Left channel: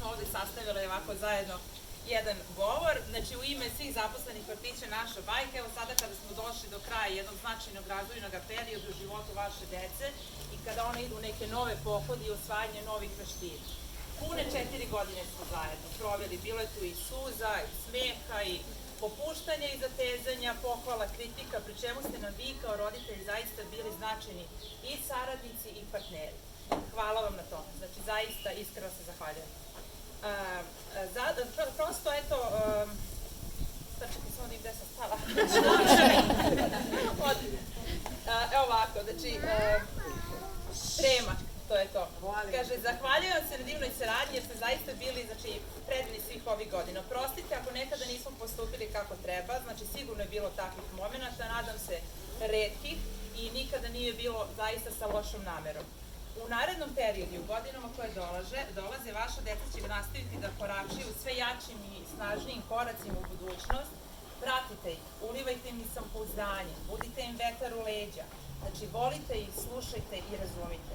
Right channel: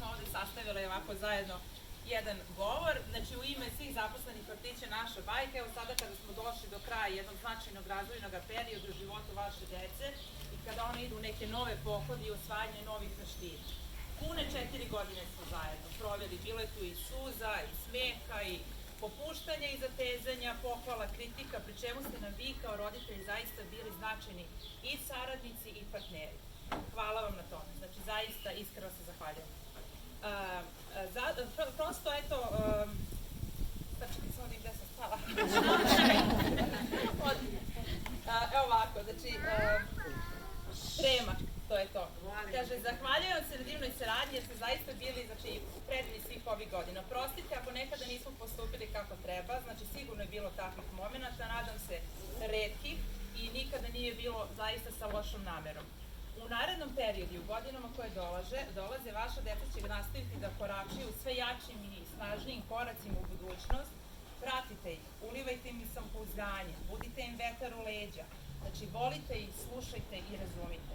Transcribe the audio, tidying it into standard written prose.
smo ovde sastavile ovako zajedno jedan govor. Znači, u ime svih zaposlenih vrtića Naša bajka, evo sada kada smo došli do kraja jednog značajnog razvojnog perioda u životu vaše dece i kada one idu u neke nove pohode i osvajanje novih veština. Pune 4 godine smo zajedno proveli, bilo je tu i suza, i smeha, i popuštanja i zatezanja, pohvala, kritika, pri čemu ste nam vi kao roditelji zaista bili značajni i saradnici i partneri. Hvala vam na tome, znači zaista iskreno se zahvaljujem. Prosto, eto, čekaj samo gde sam stala. Evo ovako, znači, trema, to je to. Kaže, zahvaljujem se na divnoj saradnji jer ste zaista bili, znači, predivni svih ovih godina. Prostite ako nekada nismo postupili kako treba, znači sigurno je bilo takvih momenta, nadam se retkih i nikada nije bilo zaista sa lošom namerom. U narednom periodu, u godinama koje dolaze, vaša deca će nastaviti da koračaju sve jačim i snažnijim koracima u budućnost. Pratite ih, ulivajte im samopouzdanje, budite im vetar u leđa. Znači, volite ih, slušajte i razumite.